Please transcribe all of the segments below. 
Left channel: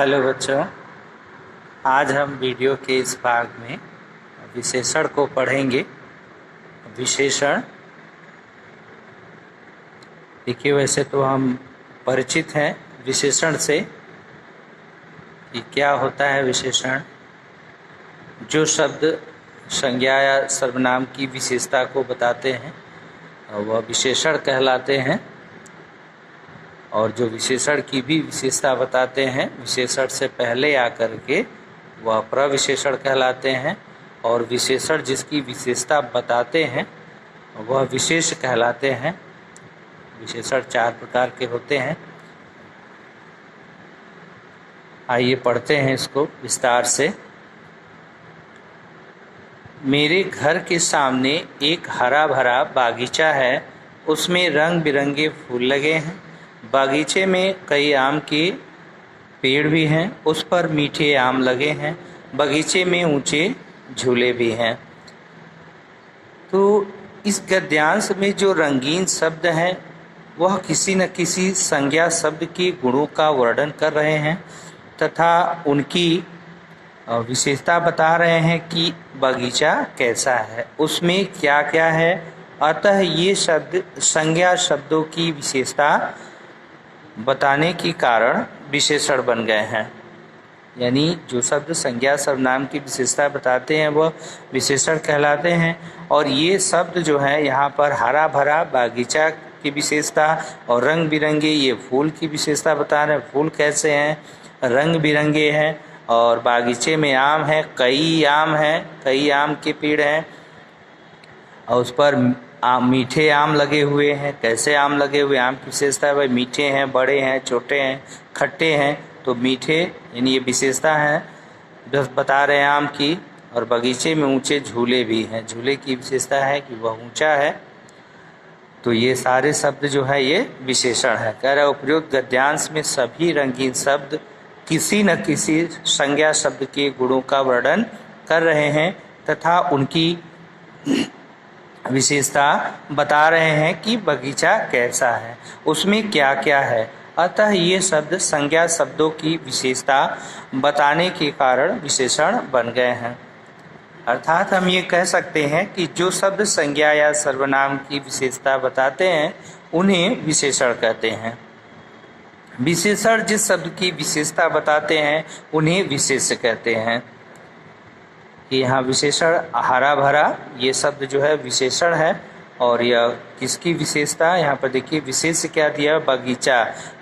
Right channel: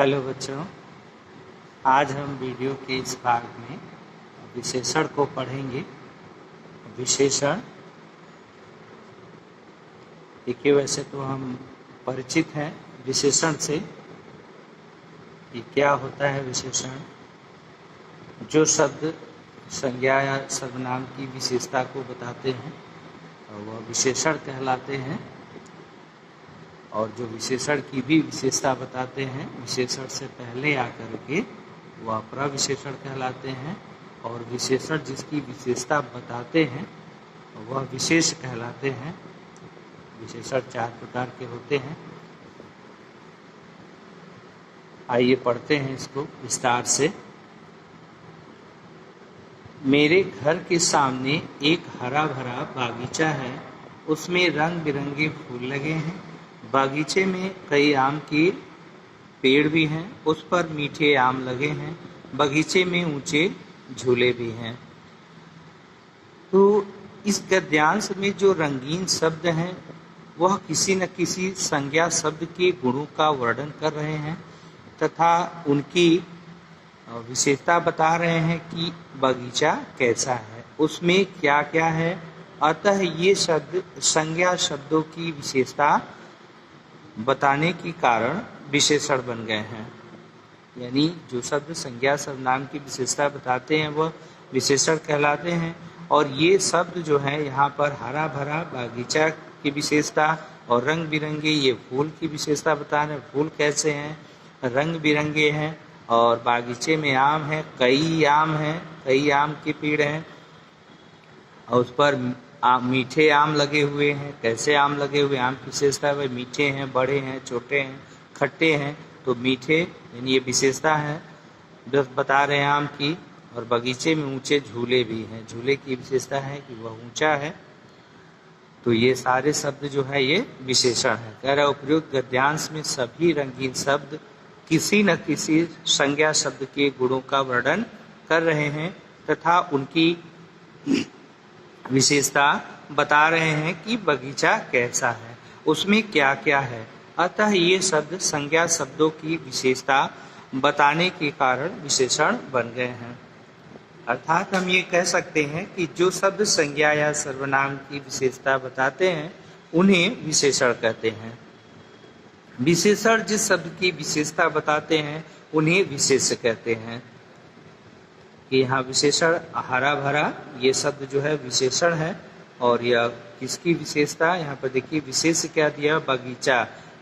Hello बच्चों, आज हम वीडियो के इस भाग में विशेषण को पढ़ेंगे। विशेषण देखिए, वैसे तो हम परिचित हैं विशेषण से कि क्या होता है। विशेषण जो शब्द संज्ञा या सर्वनाम की विशेषता को बताते हैं वह विशेषण कहलाते हैं, और जो विशेषण की भी विशेषता बताते हैं विशेषण से पहले आकर के वह प्रविशेषण कहलाते हैं, और विशेषण जिसकी विशेषता बताते हैं वह विशेष कहलाते हैं। विशेषण 4 प्रकार के होते हैं। आइए पढ़ते हैं इसको विस्तार से। मेरे घर के सामने एक हरा भरा बागीचा है, उसमें रंग बिरंगे फूल लगे हैं। बागीचे में कई आम के पेड़ भी हैं, उस पर मीठे आम लगे हैं। बगीचे में ऊंचे झूले भी हैं। तो इस गद्यांश में जो रंगीन शब्द हैं वह किसी न किसी संज्ञा शब्द के गुणों का वर्णन कर रहे हैं तथा उनकी विशेषता बता रहे हैं कि बगीचा कैसा है, उसमें क्या क्या है। अतः ये शब्द संज्ञा शब्दों की विशेषता बताने के कारण विशेषण बन गए हैं। यानी जो शब्द संज्ञा सर्वनाम की विशेषता बताते हैं वह विशेषण कहलाते हैं। और ये शब्द जो है यहाँ पर हरा भरा बागीचा की विशेषता और रंग बिरंगे ये फूल की विशेषता बता रहे हैं। फूल कैसे हैं? रंग बिरंगे हैं। और बागीचे में आम है, कई आम हैं, कई आम के पेड़ हैं और उस पर मीठे आम लगे हुए हैं। कैसे आम लगे हुए? आम की विशेषता है भाई मीठे हैं, बड़े हैं, छोटे हैं, खट्टे हैं। तो मीठे यानी ये विशेषता है जो बता रहे हैं आम की। और बगीचे में ऊंचे झूले भी हैं, झूले की विशेषता है कि वह ऊंचा है। तो ये सारे शब्द जो है ये विशेषण है। कह रहा उपयुक्त गद्यांश में सभी रंगीन शब्द किसी न किसी संज्ञा शब्द के गुणों का वर्णन कर रहे हैं तथा उनकी विशेषता बता रहे हैं कि बगीचा कैसा है, उसमें क्या क्या है। अतः ये शब्द संज्ञा शब्दों की विशेषता बताने के कारण विशेषण बन गए हैं। अर्थात हम ये कह सकते हैं कि जो शब्द संज्ञा या सर्वनाम की विशेषता बताते हैं उन्हें विशेषण कहते हैं। विशेषण जिस शब्द की विशेषता बताते हैं उन्हें विशेष कहते हैं। कि यहाँ विशेषण हरा भरा ये शब्द जो है विशेषण है। और यह किसकी विशेषता? यहाँ पर देखिए विशेष क्या दिया? बगीचा।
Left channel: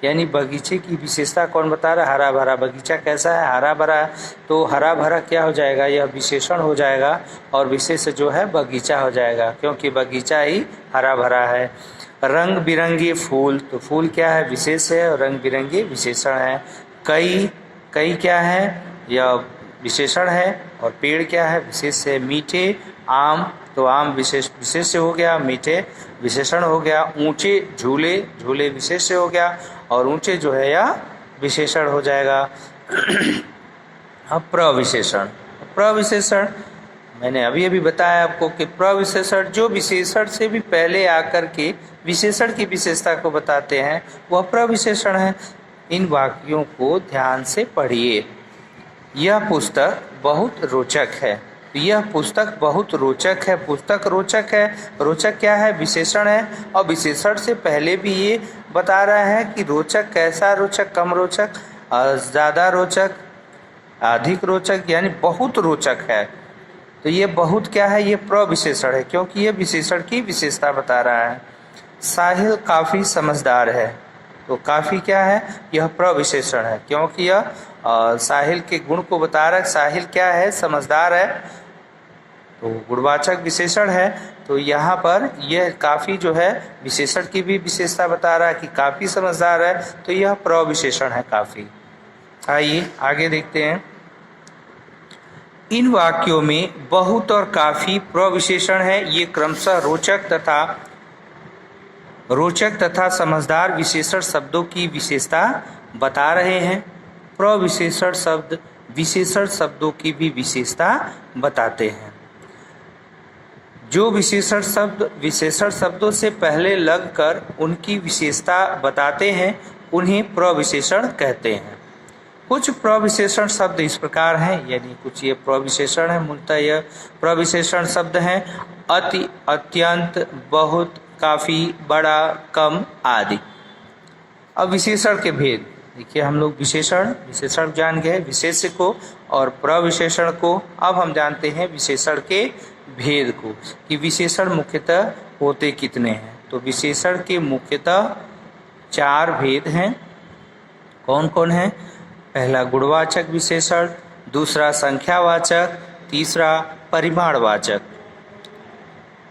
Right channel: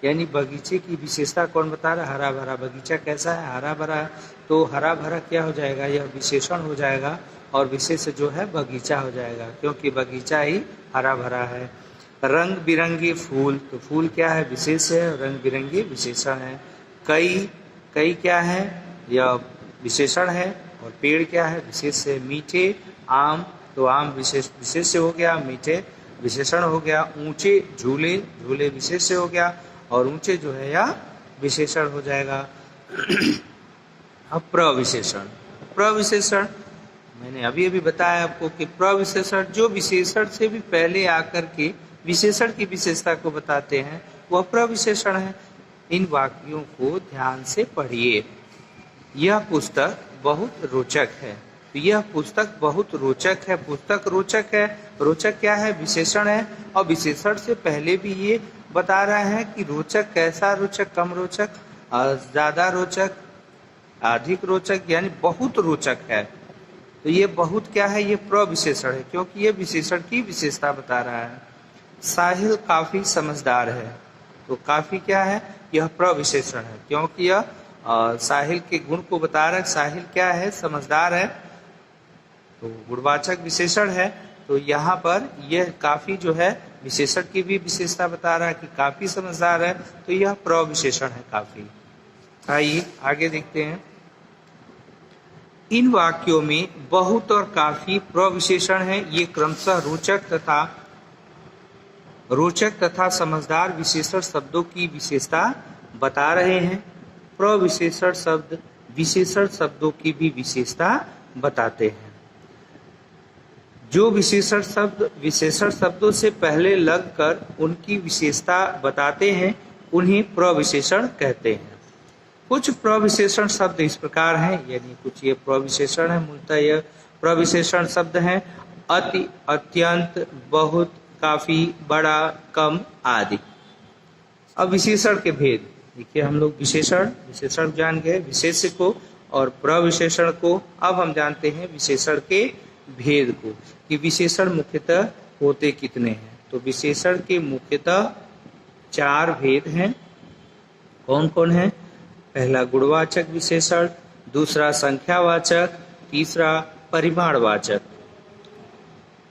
यानी बगीचे की विशेषता कौन बता रहा है? हरा भरा। बगीचा कैसा है? हरा भरा है। तो हरा भरा क्या हो जाएगा? यह विशेषण हो जाएगा और विशेष जो है बगीचा हो जाएगा, क्योंकि बगीचा ही हरा भरा है। रंग बिरंगे फूल, तो फूल क्या है? विशेष है और रंग बिरंगे विशेषण है। कई क्या है? यह विशेषण है। और पेड़ क्या है? विशेष है। मीठे आम, तो आम विशेष हो गया, मीठे विशेषण हो गया। ऊंचे झूले विशेष हो गया और ऊंचे जो है या विशेषण हो जाएगा। अब प्रविशेषण मैंने अभी बताया आपको कि प्रविशेषण जो विशेषण से भी पहले आकर के विशेषण की विशेषता को बताते हैं वह प्रविशेषण है। इन वाक्यों को ध्यान से पढ़िए। यह पुस्तक बहुत रोचक है। यह पुस्तक बहुत रोचक है। पुस्तक रोचक है। रोचक क्या है? विशेषण है। और विशेषण से पहले भी ये बता रहा है कि रोचक कैसा रोचक? कम रोचक, ज़्यादा रोचक, अधिक रोचक, यानी बहुत रोचक है। तो ये बहुत क्या है? ये प्रविशेषण है, क्योंकि ये विशेषण की विशेषता बता रहा है। साहिल काफ़ी समझदार है। तो काफ़ी क्या है? यह प्रविशेषण है, क्योंकि यह साहिल के गुण को बता रहा है। साहिल क्या है? समझदार है, तो गुणवाचक विशेषण है। तो यहाँ पर यह काफ़ी जो है विशेषण की भी विशेषता बता रहा है कि काफ़ी समझदार है, तो यह प्रविशेषण है काफ़ी। आइए आगे देखते हैं। इन वाक्यों में बहुत और काफ़ी प्रविशेषण है। ये क्रमशः रोचक तथा समझदार विशेषण शब्दों की विशेषता बता रहे हैं। प्रविशेषण शब्द विशेषण शब्दों की भी विशेषता बताते हैं। जो विशेषण शब्द विशेषण शब्दों से पहले लगकर उनकी विशेषता बताते हैं उन्हें प्रविशेषण कहते हैं। कुछ प्रविशेषण शब्द इस प्रकार हैं, यानी कुछ ये प्रविशेषण है, मूलतः यह प्रविशेषण शब्द हैं। अति, अत्यंत, बहुत, काफी, बड़ा, कम आदि। अब विशेषण के भेद देखिए, हम लोग विशेषण जान गए, विशेष्य को और प्रविशेषण को। अब हम जानते हैं विशेषण के भेद को कि विशेषण मुख्यतः होते कितने हैं। तो विशेषण के मुख्यतः 4 भेद हैं। कौन कौन है? पहला गुणवाचक विशेषण, दूसरा संख्यावाचक, तीसरा परिमाणवाचक।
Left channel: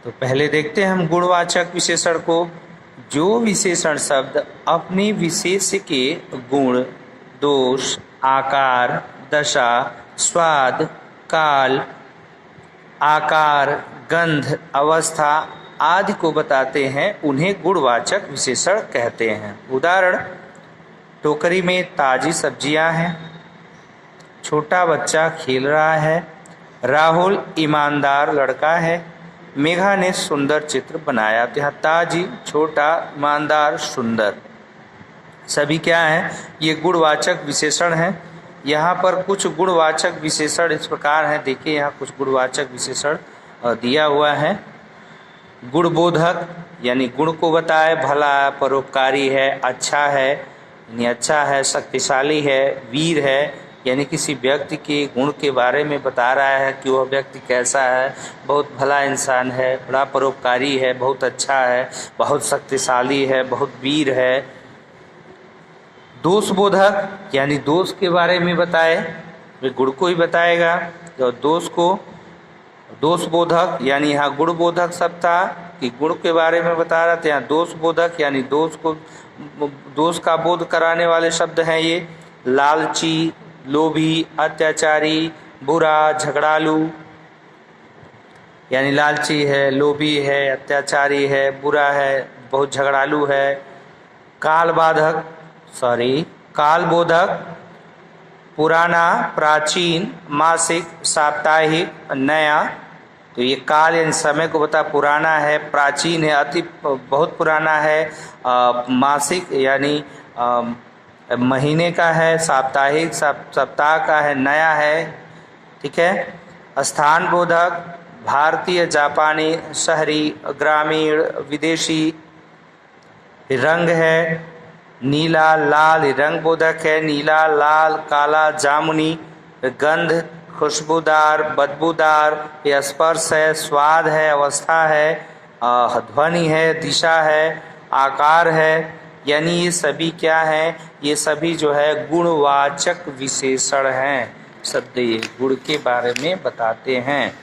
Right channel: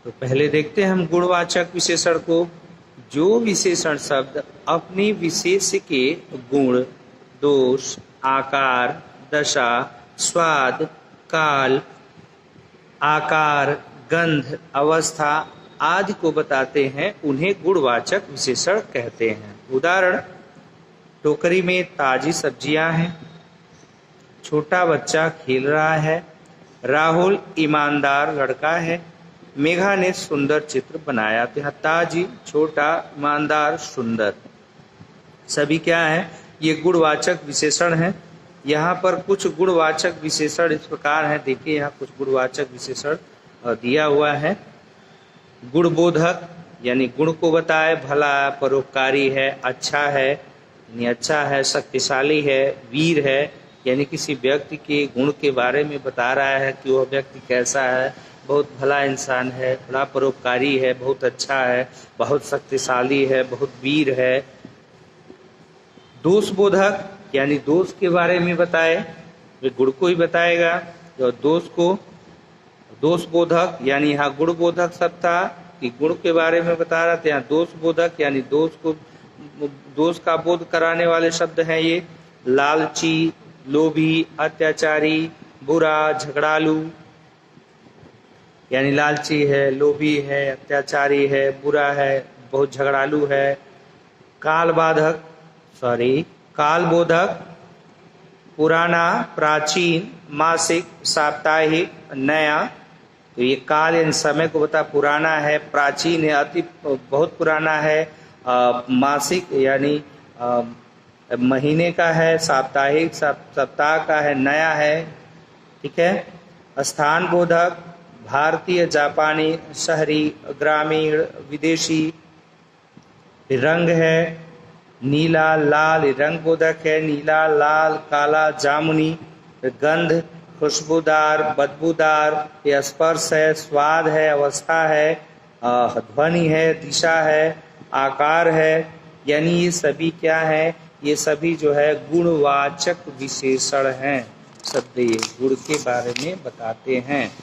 तो पहले देखते हैं हम गुणवाचक विशेषण को। जो विशेषण शब्द अपने विशेष के गुण, दोष, आकार, दशा, स्वाद, काल, आकार, गंध, अवस्था आदि को बताते हैं, उन्हें गुणवाचक विशेषण कहते हैं। उदाहरण, टोकरी में ताजी सब्जियां हैं, छोटा बच्चा खेल रहा है, राहुल ईमानदार लड़का है, मेघा ने सुंदर चित्र बनाया। तो यहाँ ताजी, छोटा, ईमानदार, सुंदर सभी क्या हैं? ये गुणवाचक विशेषण हैं। यहाँ पर कुछ गुणवाचक विशेषण इस प्रकार हैं, देखिए यहाँ कुछ गुणवाचक विशेषण दिया हुआ है। गुणबोधक यानी गुण को बताए, भला, परोपकारी है, अच्छा है यानी अच्छा है, शक्तिशाली है, वीर है यानी किसी व्यक्ति के गुण के बारे में बता रहा है कि वह व्यक्ति कैसा है, बहुत भला इंसान है, बड़ा परोपकारी है, बहुत अच्छा है, बहुत शक्तिशाली है, बहुत वीर है। दोषबोधक यानी दोष के बारे में बताए, वे गुण को ही बताएगा। और दोष को दोषबोधक यानी यहाँ गुणबोधक शब्द था कि गुण के बारे में बता रहा था, यहाँ दोषबोधक यानी दोष का बोध कराने वाले शब्द हैं ये। लालची, लोभी, अत्याचारी, बुरा, झगड़ालू यानी लालची है, लोभी है, अत्याचारी है, बुरा है, बहुत झगड़ालू है। कालबोधक पुराना, प्राचीन, मासिक, साप्ताहिक, नया। तो ये काल यानी समय को बता, पुराना है, प्राचीन है, अति बहुत पुराना है, मासिक यानी महीने का है, साप्ताहिक सप्ताह का है, नया है। ठीक है। स्थान बोधक भारतीय, जापानी, शहरी, ग्रामीण, विदेशी। रंग है नीला, लाल, रंग बोधक है, नीला, लाल, काला, जामुनी। गंध खुशबूदार, बदबूदार। ये स्पर्श है, स्वाद है, अवस्था है, ध्वनि है, दिशा है, आकार है। यानी ये सभी क्या है? ये सभी जो है गुणवाचक विशेषण हैं। शब्द ये गुण के बारे में बताते हैं।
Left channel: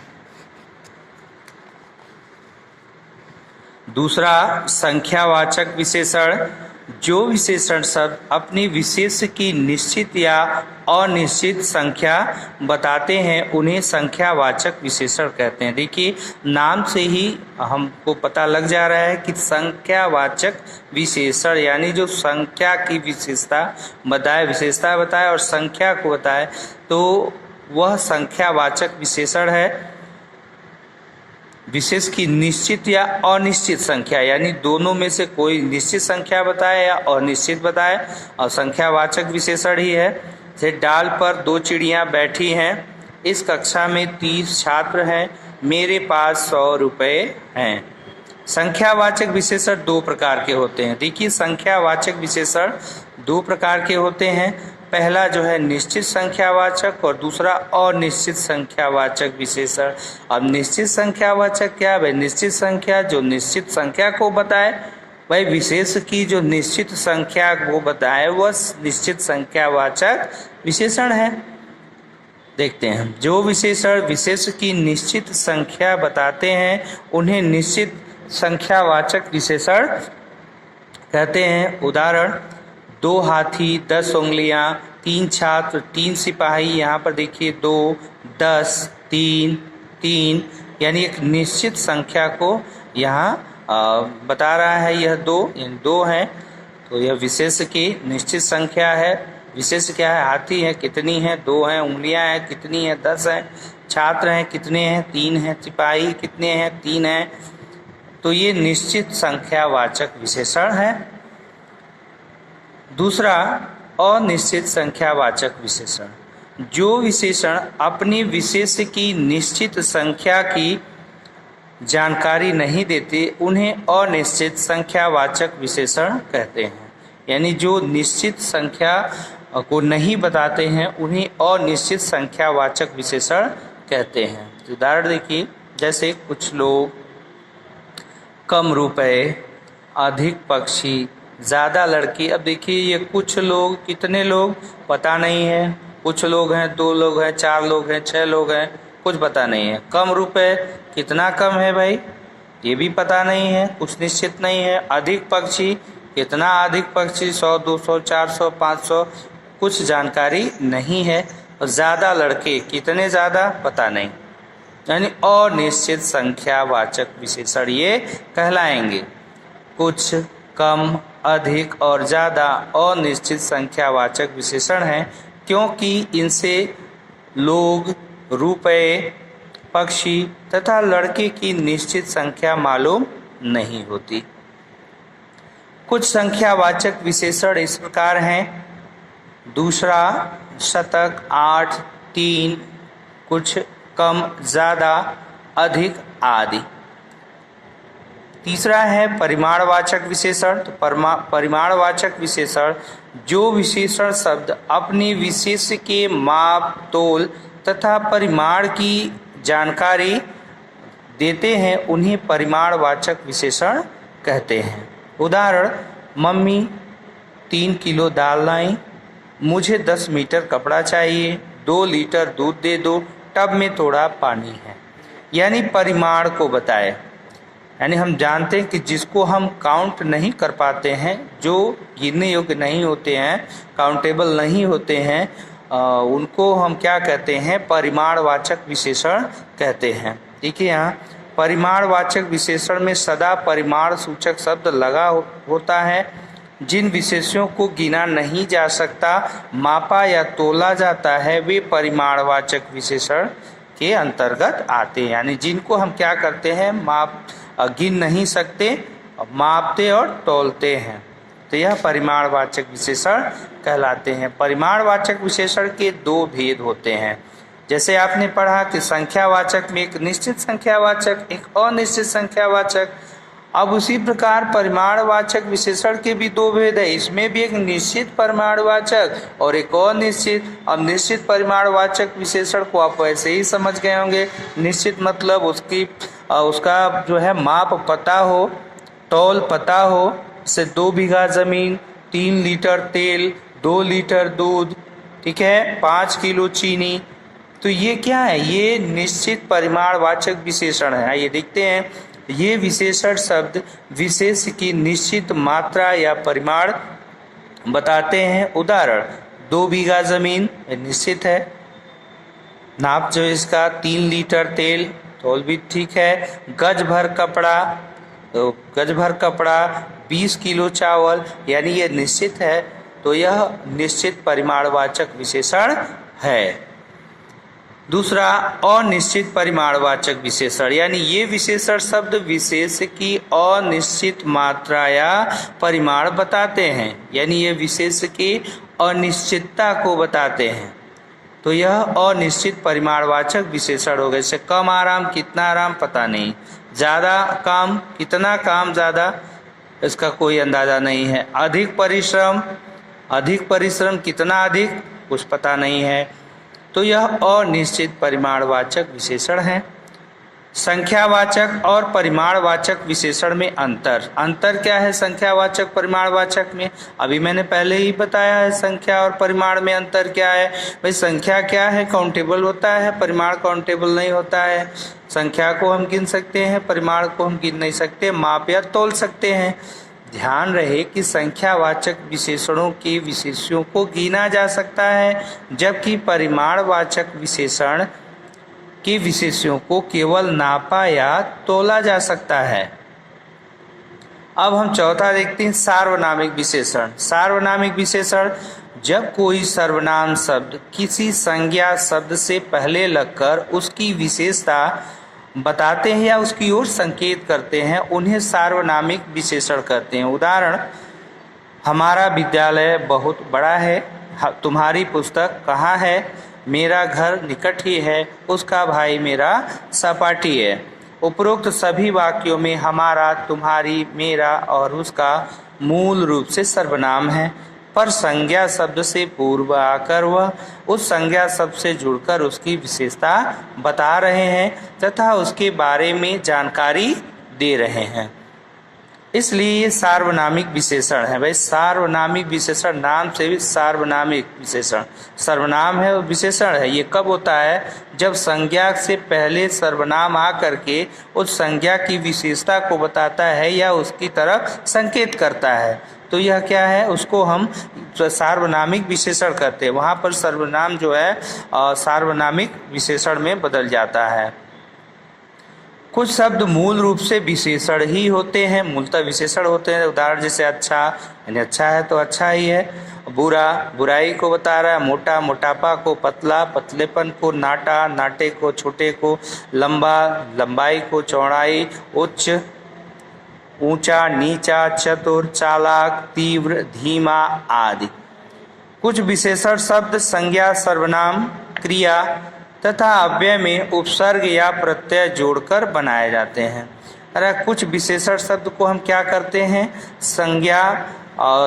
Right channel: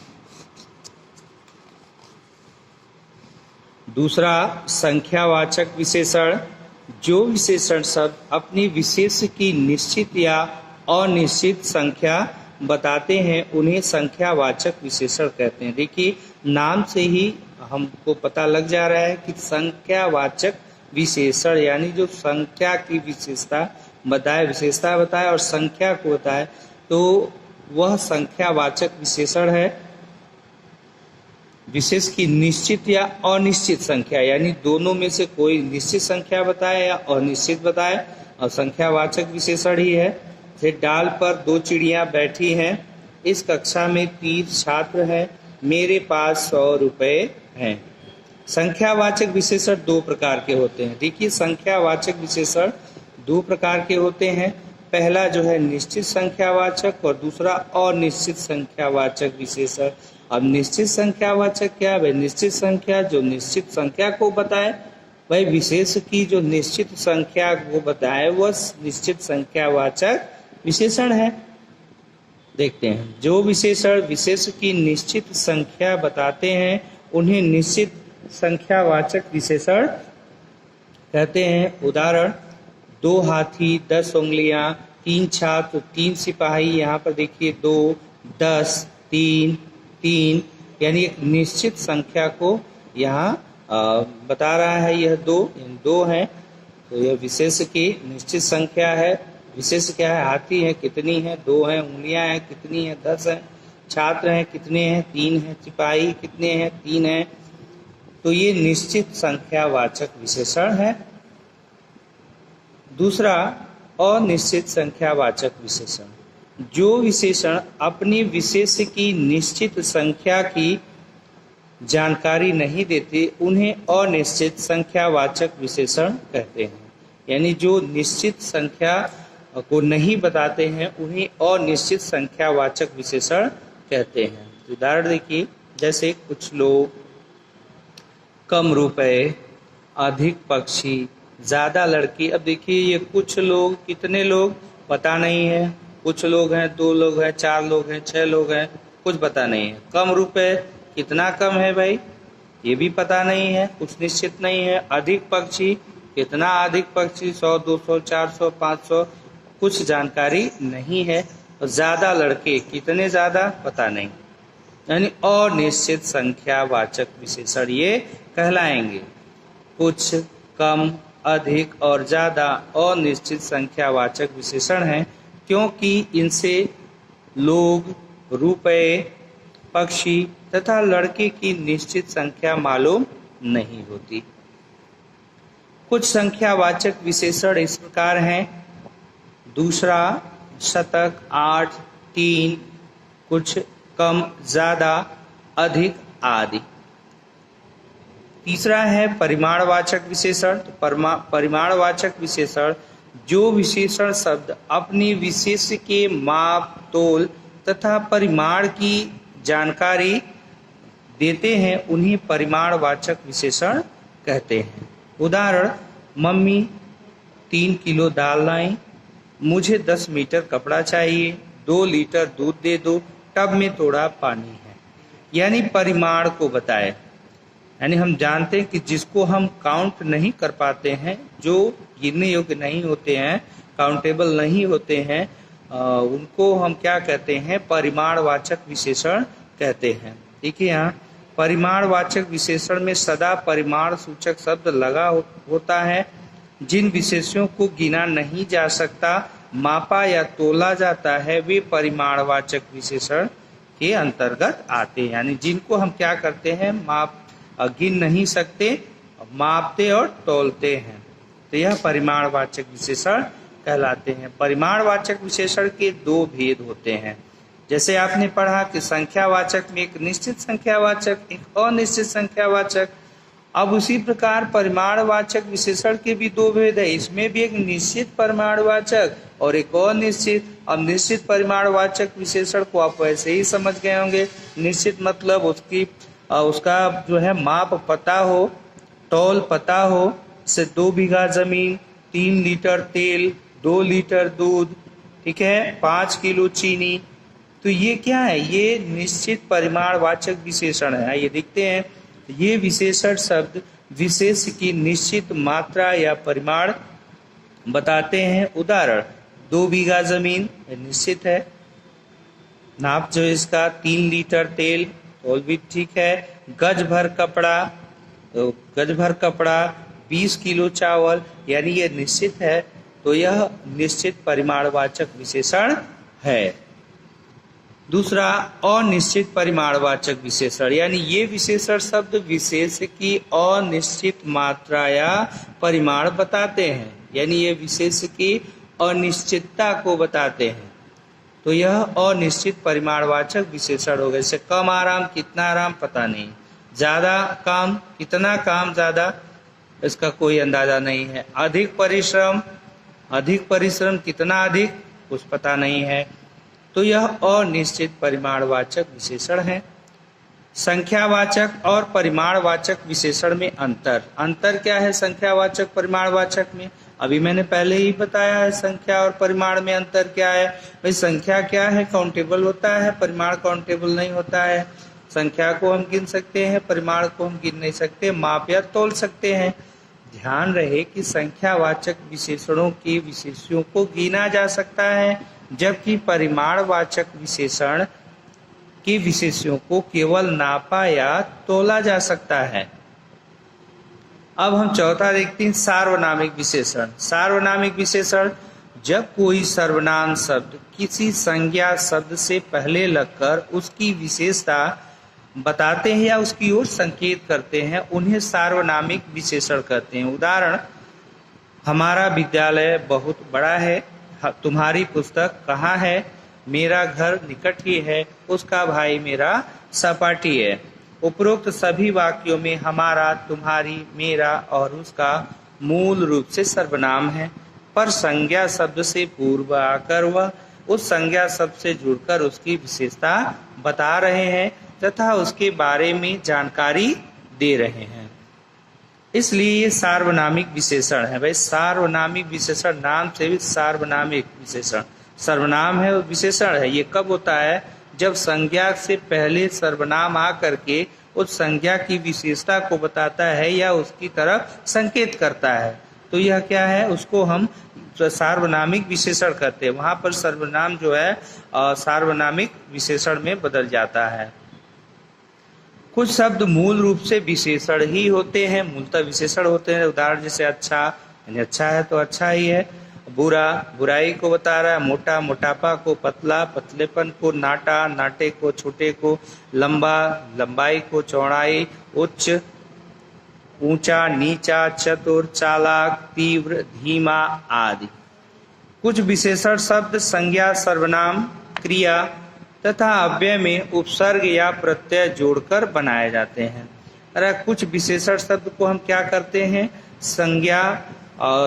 दूसरा संख्यावाचक विशेषण, जो विशेषण शब्द अपनी विशेष की निश्चित या अनिश्चित संख्या बताते हैं, उन्हें संख्यावाचक विशेषण कहते हैं। देखिए नाम से ही हमको पता लग जा रहा है कि संख्यावाचक विशेषण यानी जो संख्या की विशेषता बताए और संख्या को बताए, तो वह संख्यावाचक विशेषण है। विशेष की निश्चित या अनिश्चित संख्या यानी दोनों में से कोई निश्चित संख्या बताए या अनिश्चित बताए, और संख्यावाचक विशेषण ही है। जैसे डाल पर 2 चिड़ियां बैठी हैं, इस कक्षा में 30 छात्र हैं, मेरे पास 100 रुपए हैं। संख्यावाचक विशेषण 2 प्रकार के होते हैं। देखिए संख्यावाचक विशेषण 2 प्रकार के होते हैं। पहला जो है निश्चित संख्यावाचक और दूसरा अनिश्चित संख्यावाचक विशेषण। अब निश्चित संख्यावाचक क्या है? निश्चित संख्या जो निश्चित संख्या को बताए, भाई विशेष की जो निश्चित संख्या को बताए वह निश्चित संख्यावाचक विशेषण है। देखते हैं, जो विशेषण विशेष की निश्चित संख्या बताते हैं उन्हें निश्चित संख्यावाचक विशेषण कहते हैं। उदाहरण, 2 हाथी, 10 उंगलियां, 3 छात्र, 3 सिपाही। यहाँ पर देखिए 2, 10, 3, 3 यानी एक निश्चित संख्या को यहाँ बता रहा है। यह 2 यानी 2 है, तो यह विशेष की निश्चित संख्या है। विशेष क्या है? हाथी है, कितनी है? 2 है। उंगलियां हैं, कितनी है? 10 है। छात्र हैं, कितने हैं? 3 हैं। सिपाही कितने हैं? 3 हैं। तो ये निश्चित संख्यावाचक विशेषण है। दूसरा अनिश्चित संख्यावाचक विशेषण, जो विशेषण अपनी विशेष की निश्चित संख्या की जानकारी नहीं देते उन्हें अनिश्चित संख्यावाचक विशेषण कहते हैं। यानी जो निश्चित संख्या को नहीं बताते हैं उन्हें अनिश्चित संख्यावाचक विशेषण कहते हैं। उदाहरण देखिए, जैसे कुछ लोग, कम रुपए, अधिक पक्षी, ज़्यादा लड़की। अब देखिए ये कुछ लोग, कितने लोग पता नहीं है, कुछ लोग हैं, 2 लोग हैं, 4 लोग हैं, 6 लोग हैं, कुछ पता नहीं है। कम रुपए, कितना कम है भाई, ये भी पता नहीं है, कुछ निश्चित नहीं है। अधिक पक्षी, कितना अधिक पक्षी, 100, 200, 400, 500, कुछ जानकारी नहीं है। और ज़्यादा लड़के, कितने ज़्यादा, पता नहीं। यानी अनिश्चित संख्यावाचक विशेषण ये कहलाएंगे। कुछ, कम, अधिक और ज़्यादा अनिश्चित संख्यावाचक विशेषण हैं, क्योंकि इनसे लोग, रुपए, पक्षी तथा लड़के की निश्चित संख्या मालूम नहीं होती। कुछ संख्यावाचक विशेषण इस प्रकार हैं: दूसरा, शतक, 8, 3, कुछ, कम, ज़्यादा, अधिक आदि। तीसरा है परिमाणवाचक विशेषण। तो परिमाणवाचक विशेषण, जो विशेषण शब्द अपनी विशेष के माप, तोल तथा परिमाण की जानकारी देते हैं उन्हें परिमाणवाचक विशेषण कहते हैं। उदाहरण, मम्मी 3 किलो दाल लाई, मुझे 10 मीटर कपड़ा चाहिए, 2 लीटर दूध दे दो, टब में थोड़ा पानी है। यानी परिमाण को बताए। यानी हम जानते हैं कि जिसको हम काउंट नहीं कर पाते हैं, जो गिनने योग्य नहीं होते हैं, काउंटेबल नहीं होते हैं, उनको हम क्या कहते हैं, परिमाणवाचक विशेषण कहते हैं। देखिए यहाँ परिमाणवाचक विशेषण में सदा परिमाण सूचक शब्द लगा होता है। जिन विशेषणों को गिना नहीं जा सकता, मापा या तोला जाता है, वे परिमाणवाचक विशेषण के अंतर्गत आते हैं। यानी जिनको हम क्या करते हैं, गिन नहीं सकते, मापते और तोलते हैं, तो यह परिमाणवाचक विशेषण कहलाते हैं। परिमाणवाचक विशेषण के 2 भेद होते हैं। जैसे आपने पढ़ा कि संख्यावाचक में एक निश्चित संख्यावाचक, एक अनिश्चित संख्यावाचक। अब उसी प्रकार परिमाणवाचक विशेषण के भी 2 भेद है। इसमें भी एक निश्चित परिमाणवाचक और एक अनिश्चित। अब निश्चित परिमाणवाचक विशेषण को आप वैसे ही समझ गए होंगे। निश्चित मतलब उसका जो है माप पता हो, तौल पता हो। से 2 बीघा जमीन, 3 लीटर तेल, 2 लीटर दूध, ठीक है, 5 किलो चीनी। तो ये क्या है, ये निश्चित परिमाणवाचक विशेषण है। ये देखते हैं, ये विशेषण शब्द विशेष की निश्चित मात्रा या परिमाण बताते हैं। उदाहरण, 2 बीघा जमीन निश्चित है, नाप जो इसका 3 लीटर तेल, तौल भी ठीक है। गज भर कपड़ा, तो गज भर कपड़ा, 20 किलो चावल, यानी ये निश्चित है। तो यह निश्चित परिमाणवाचक विशेषण है। दूसरा, अनिश्चित परिमाणवाचक विशेषण, यानी ये विशेषण शब्द विशेष की अनिश्चित मात्रा या परिमाण बताते हैं। यानी ये विशेष की अनिश्चितता को बताते हैं, तो यह अनिश्चित परिमाणवाचक विशेषण हो गए। जैसे कम आराम, कितना आराम पता नहीं, ज़्यादा काम, कितना काम ज़्यादा, इसका कोई अंदाजा नहीं है। अधिक परिश्रम, कितना अधिक, कुछ पता नहीं है। तो यह अनिश्चित परिमाणवाचक विशेषण है। संख्यावाचक और परिमाणवाचक विशेषण में अंतर क्या है संख्यावाचक परिमाणवाचक में? अभी मैंने पहले ही बताया है संख्या और परिमाण में अंतर क्या है। भाई संख्या क्या है, काउंटेबल होता है, परिमाण काउंटेबल नहीं होता है। संख्या को हम गिन सकते हैं, परिमाण को हम गिन नहीं सकते, माप या तोल सकते हैं। ध्यान रहे कि संख्यावाचक विशेषणों के विशेषों को गिना जा सकता है, जबकि परिमाणवाचक विशेषण के विशेषों को केवल नापा या तोला जा सकता है। अब हम चौथा देखते हैं, सार्वनामिक विशेषण। सार्वनामिक विशेषण, जब कोई सर्वनाम शब्द किसी संज्ञा शब्द से पहले लगकर उसकी विशेषता बताते हैं या उसकी ओर संकेत करते हैं, उन्हें सार्वनामिक विशेषण कहते हैं। उदाहरण, हमारा विद्यालय बहुत बड़ा है। तुम्हारी पुस्तक कहाँ है? मेरा घर निकट ही है, उसका भाई मेरा सहपाठी है। उपरोक्त सभी वाक्यों में हमारा, तुम्हारी, मेरा और उसका मूल रूप से सर्वनाम है, पर संज्ञा शब्द से पूर्व आकर वह उस संज्ञा शब्द से जुड़कर उसकी विशेषता बता रहे हैं तथा उसके बारे में जानकारी दे रहे हैं। इसलिए ये सार्वनामिक विशेषण है। भाई, सार्वनामिक विशेषण नाम से भी सार्वनामिक विशेषण, सर्वनाम है और विशेषण है। ये कब होता है? जब संज्ञा से पहले सर्वनाम आ करके उस संज्ञा की विशेषता को बताता है या उसकी तरफ संकेत करता है, तो यह क्या है? उसको हम सार्वनामिक विशेषण कहते हैं। वहाँ पर सर्वनाम जो है सार्वनामिक विशेषण में बदल जाता है। कुछ शब्द मूल रूप से विशेषण ही होते हैं, मूलतः विशेषण होते हैं। उदाहरण जैसे अच्छा, यानी अच्छा है तो अच्छा ही है। बुरा, बुराई को बता रहा है। मोटा, मोटापा को। पतला, पतलेपन को। नाटा, नाटे को, छोटे को। लंबा, लंबाई को। चौड़ाई, उच्च, ऊंचा, नीचा, चतुर, चालाक, तीव्र, धीमा आदि। कुछ विशेषण शब्द संज्ञा, सर्वनाम, क्रिया तथा अव्यय में उपसर्ग या प्रत्यय जोड़कर बनाए जाते हैं। अरे कुछ विशेषण शब्द को हम क्या करते हैं? संज्ञा,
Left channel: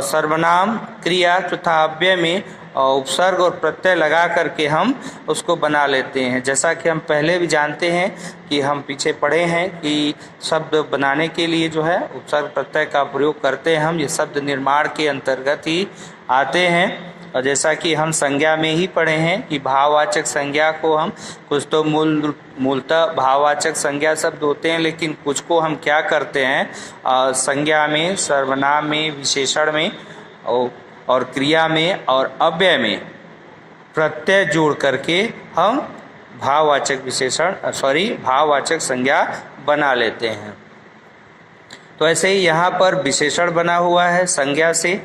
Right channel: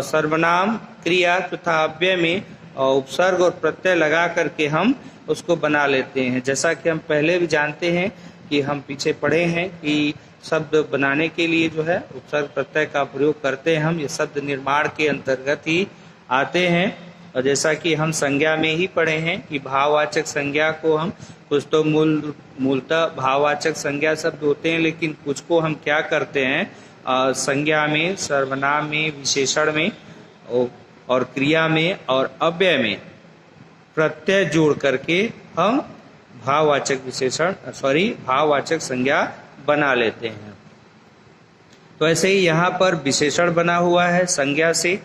सर्वनाम, क्रिया तथा अव्यय में उपसर्ग और प्रत्यय लगा करके हम उसको बना लेते हैं। जैसा कि हम पहले भी जानते हैं कि हम पीछे पढ़े हैं कि शब्द बनाने के लिए जो है उपसर्ग प्रत्यय का प्रयोग करते हैं हम। ये शब्द निर्माण के अंतर्गत ही आते हैं। और जैसा कि हम संज्ञा में ही पढ़े हैं कि भाववाचक संज्ञा को हम, कुछ तो मूलतः भाववाचक संज्ञा शब्द होते हैं, लेकिन कुछ को हम क्या करते हैं? संज्ञा में, सर्वनाम में, विशेषण में और क्रिया में और अव्यय में प्रत्यय जोड़ करके हम भाववाचक संज्ञा बना लेते हैं। तो ऐसे ही यहाँ पर विशेषण बना हुआ है संज्ञा से।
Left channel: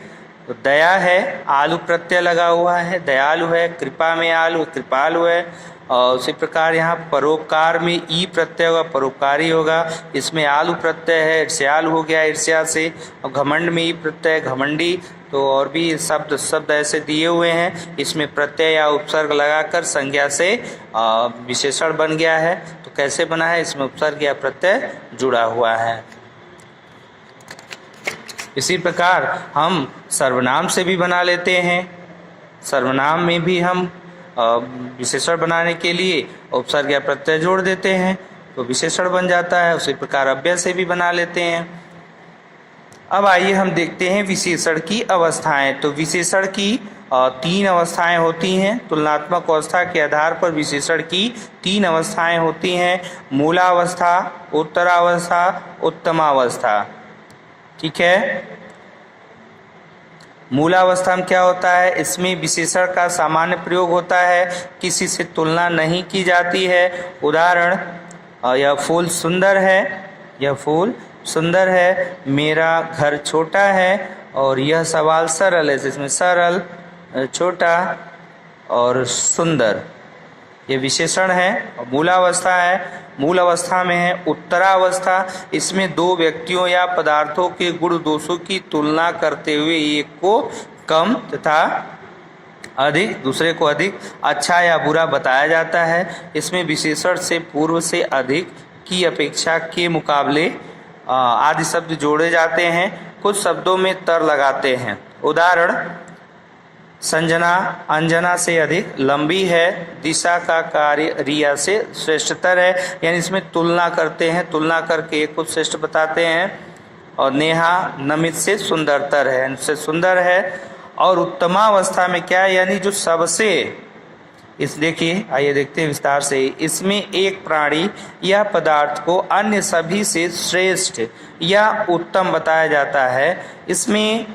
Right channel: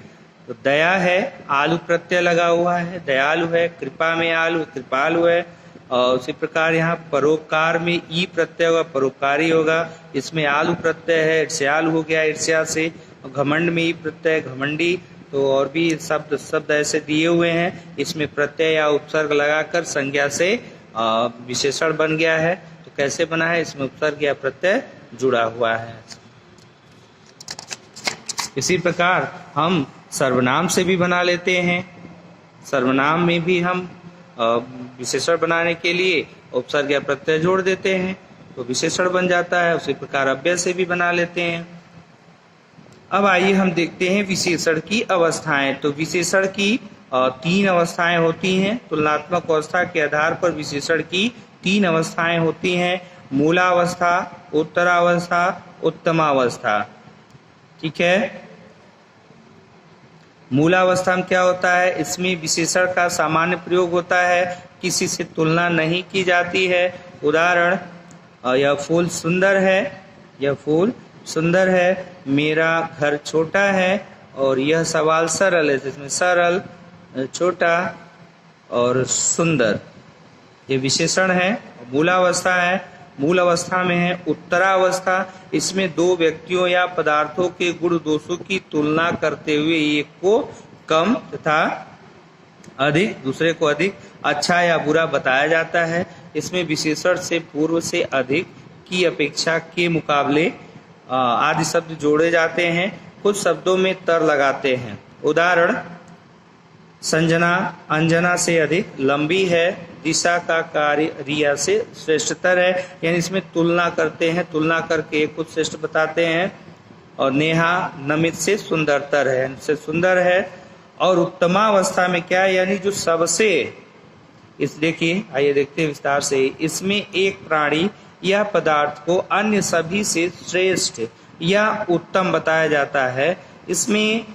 तो दया है, आलू प्रत्यय लगा हुआ है, दयालु है। कृपा में आलू, कृपालु है। और उसी प्रकार यहाँ परोपकार में ई प्रत्यय होगा, परोपकारी होगा। इसमें आलू प्रत्यय है, ईर्ष्यालु हो गया ईर्ष्या से। और घमंड में ई प्रत्यय, घमंडी। तो और भी शब्द ऐसे दिए हुए हैं। इसमें प्रत्यय या उपसर्ग लगाकर संज्ञा से विशेषण बन गया है। तो कैसे बना है? इसमें उपसर्ग या प्रत्यय जुड़ा हुआ है। इसी प्रकार हम सर्वनाम से भी बना लेते हैं। सर्वनाम में भी हम विशेषण बनाने के लिए उपसर्ग या प्रत्यय जोड़ देते हैं तो विशेषण बन जाता है। उसी प्रकार अव्यय से भी बना लेते हैं। अब आइए हम देखते हैं विशेषण की अवस्थाएं। तो विशेषण की 3 अवस्थाएं होती हैं। तुलनात्मक अवस्था के आधार पर विशेषण की 3 अवस्थाएं होती हैं। मूलावस्था, उत्तरावस्था, उत्तमावस्था। ठीक है। मूलावस्था में क्या होता है? इसमें विशेषण का सामान्य प्रयोग होता है, किसी से तुलना नहीं की जाती है। उदाहरण, यह फूल सुंदर है, यह फूल सुंदर है। मेरा घर छोटा है और यह सवाल सरल है, जिसमें सरल, छोटा और सुंदर ये विशेषण है। मूलावस्था है। मूल अवस्था में है उत्तरावस्था। इसमें 2 व्यक्तियों या पदार्थों के गुण दोषों की तुलना करते हुए एक को कम तथा अधिक, दूसरे को अधिक अच्छा या बुरा बताया जाता है। इसमें विशेषण से पूर्व से अधिक, की अपेक्षा, के मुकाबले आदि शब्द जोड़े जाते हैं। कुछ शब्दों में तर लगाते हैं। उदाहरण, संजना अंजना से अधिक लंबी है, दिशा का कार्य रिया से श्रेष्ठतर है। यानी इसमें तुलना करते हैं, तुलना करके एक को श्रेष्ठ बताते हैं। और नेहा नमित से सुंदरतर है, इनसे सुंदर है। और उत्तमावस्था में क्या है? यानी जो सबसे, इस देखिए, आइए देखते हैं विस्तार से। इसमें एक प्राणी या पदार्थ को अन्य सभी से श्रेष्ठ या उत्तम बताया जाता है। इसमें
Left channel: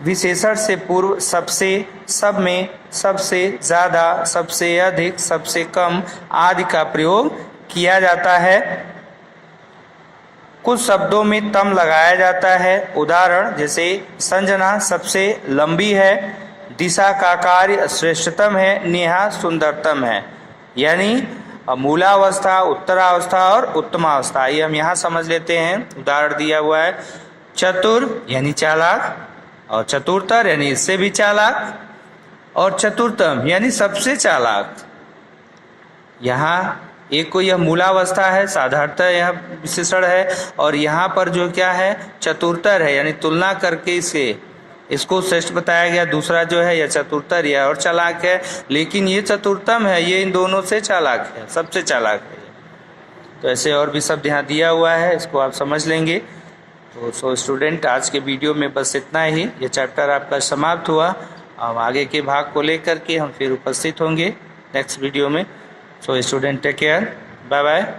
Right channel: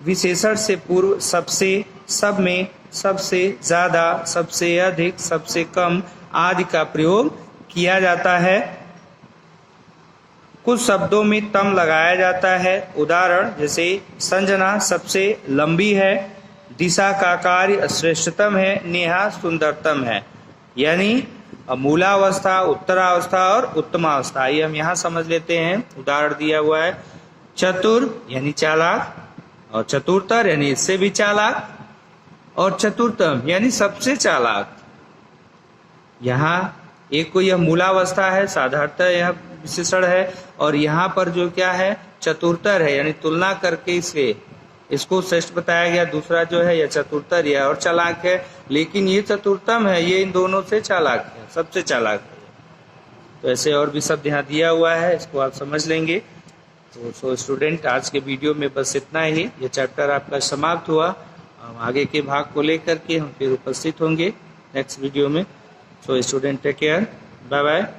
विशेषण से पूर्व सबसे, सब में, सबसे ज्यादा, सबसे अधिक, सबसे कम आदि का प्रयोग किया जाता है। कुछ शब्दों में तम लगाया जाता है। उदाहरण जैसे संजना सबसे लंबी है, दिशा का कार्य श्रेष्ठतम है, नेहा सुंदरतम है। यानी मूलावस्था, उत्तरावस्था और उत्तमावस्था। ये हम यहाँ समझ लेते हैं। उदाहरण दिया हुआ है, चतुर यानी चालाक, और चतुरतर यानी इससे भी चालाक, और चतुर्थम यानी सबसे चालाक। यहाँ एक को यह मूलावस्था है, साधारणतः यह विशेषण है, और यहाँ पर जो क्या है चतुरतर है, यानी तुलना करके इसको श्रेष्ठ बताया गया। दूसरा जो है यह चतुरतर, यह और चालाक है, लेकिन ये चतुर्थम है, ये इन दोनों से चालाक है, सबसे चालाक है। तो ऐसे और भी शब्द यहाँ दिया हुआ है, इसको आप समझ लेंगे। तो स्टूडेंट, आज के वीडियो में बस इतना ही। ये चैप्टर आपका समाप्त हुआ। अब आगे के भाग को लेकर के हम फिर उपस्थित होंगे नेक्स्ट वीडियो में। So student, take care, bye bye.